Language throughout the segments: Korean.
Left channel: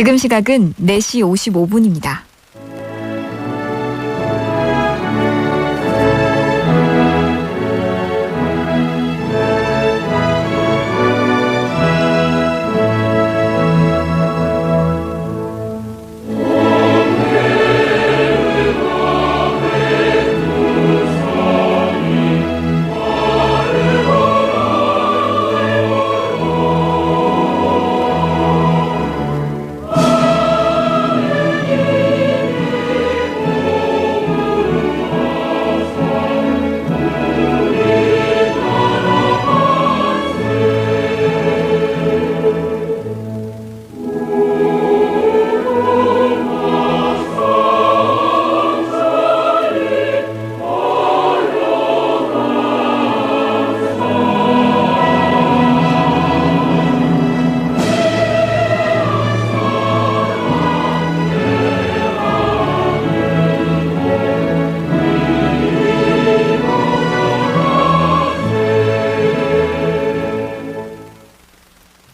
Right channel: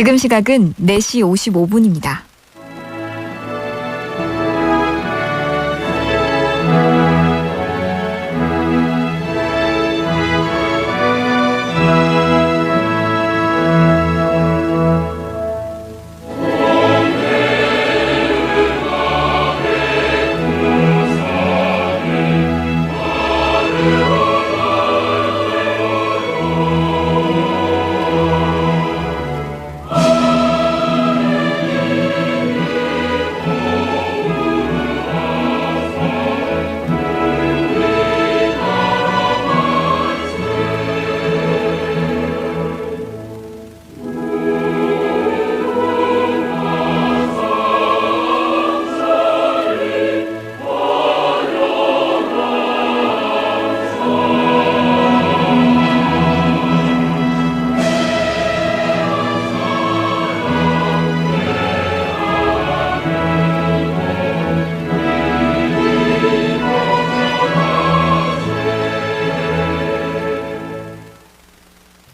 지금 시각은 4시 55분입니다.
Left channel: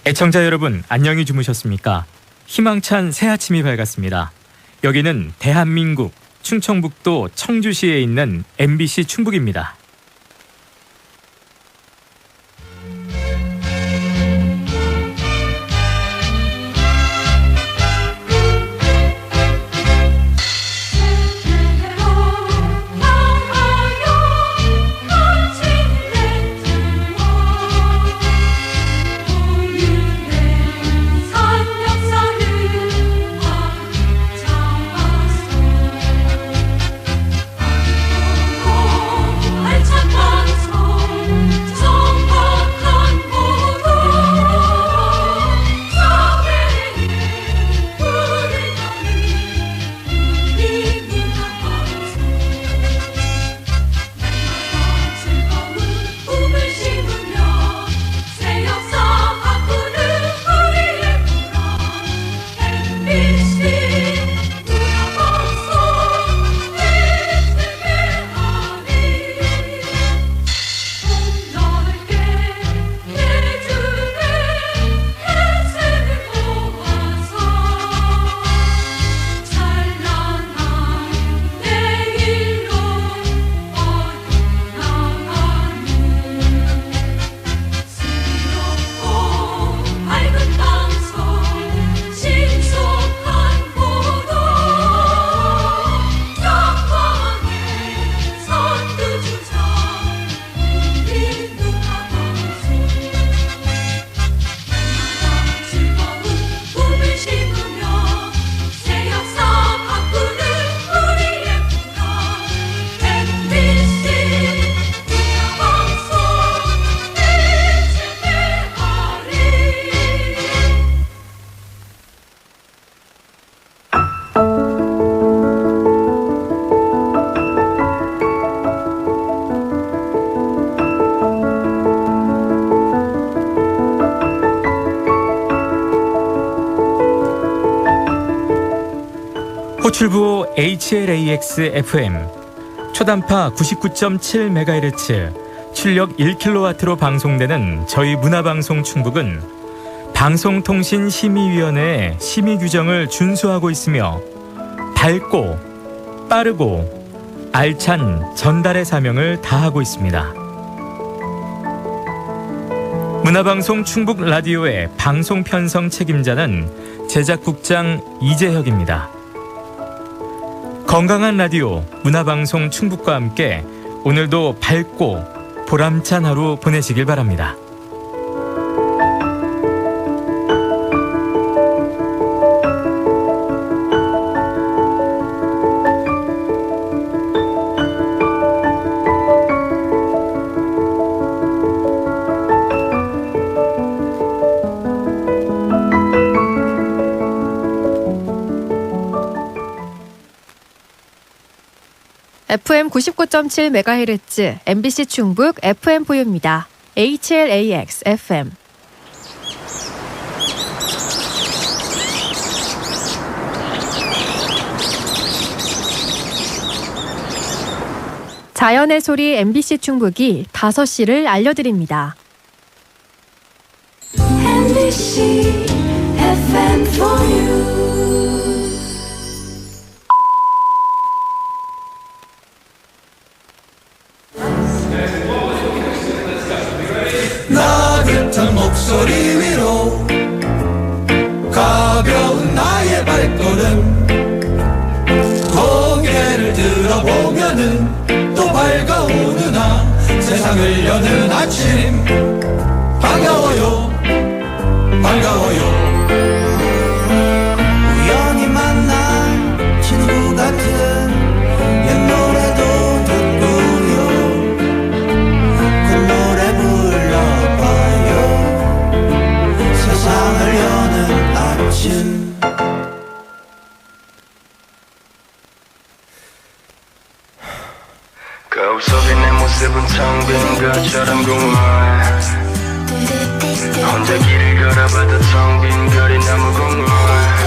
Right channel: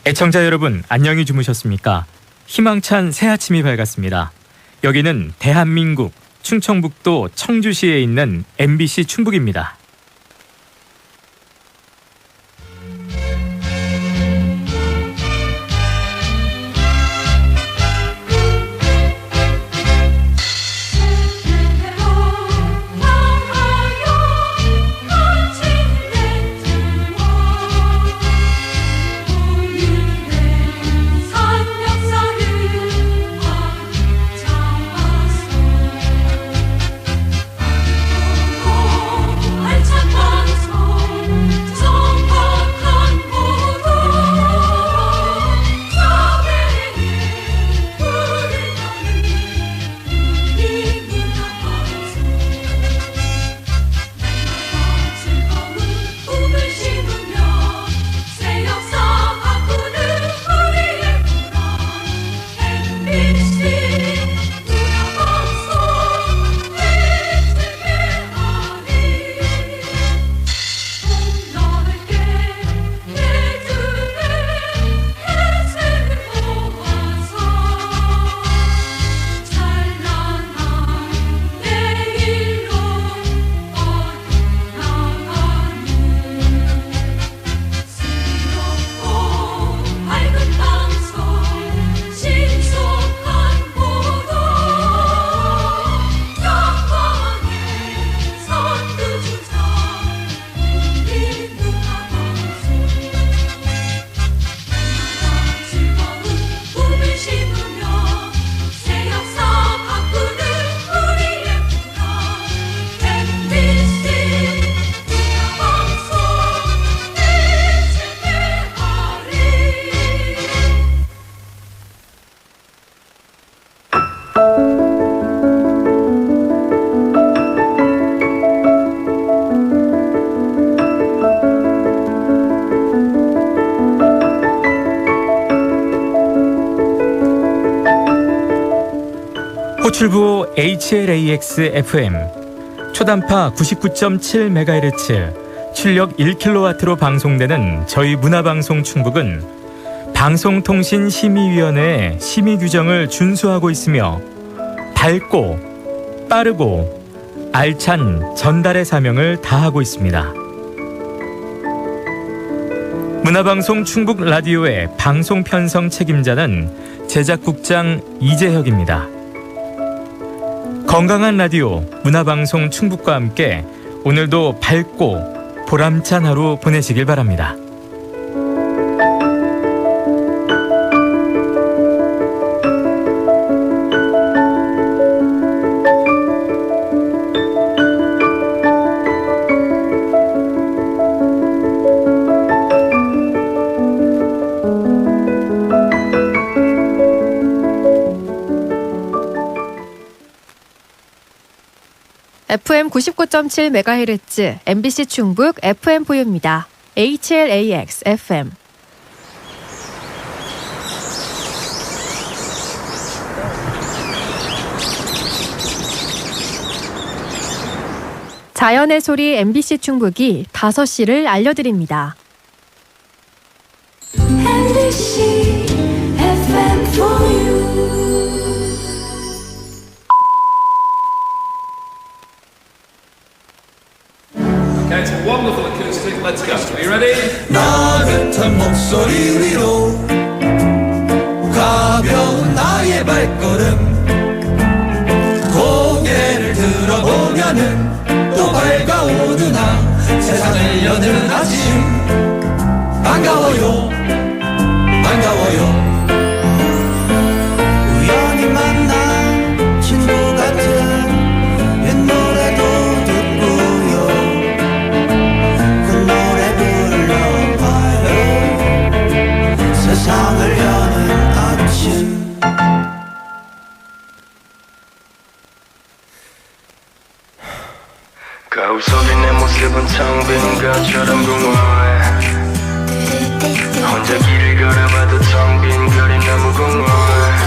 애청자 여러분 안녕히 주무셨습니까? 희망찬 새 아침이 밝았습니다. 여기는 대한민국 충청북도 청주시에 있는 MBC 충북입니다. 호출부 HLAX FM 초단파 99.7MHz 출력 1kW로 방송되는 저희 문화방송 충북은 방송통신심의위원회의 심의 규정을 준수하고 있으며 밝고 빠르고 알찬 전달의 사명을 다하고 있습니다. 문화방송 충북 라디오의 방송 편성 책임자는 제작국장 이재혁입니다. 건강한 라디오 문화방송 충북과 함께 오늘도 밝고 보람찬 하루 보내시길 바랍니다. FM 99.7MHz MBC 충북 FM 포유입니다. HLAX FM 자연의 소리 MBC 충북이 5시를 알려드립니다. NBC FM for you. 나긋한 목소리 위로 가벼운 나의 발걸음. 고개를 들어보면은 또 밝아오는 나 세상을 여는 아침. 반가워요. 반가워요 모습은 창빈가처럼 공허해. 혼자 길을 걸어봐도 텅 빈 거리 너무 공허해.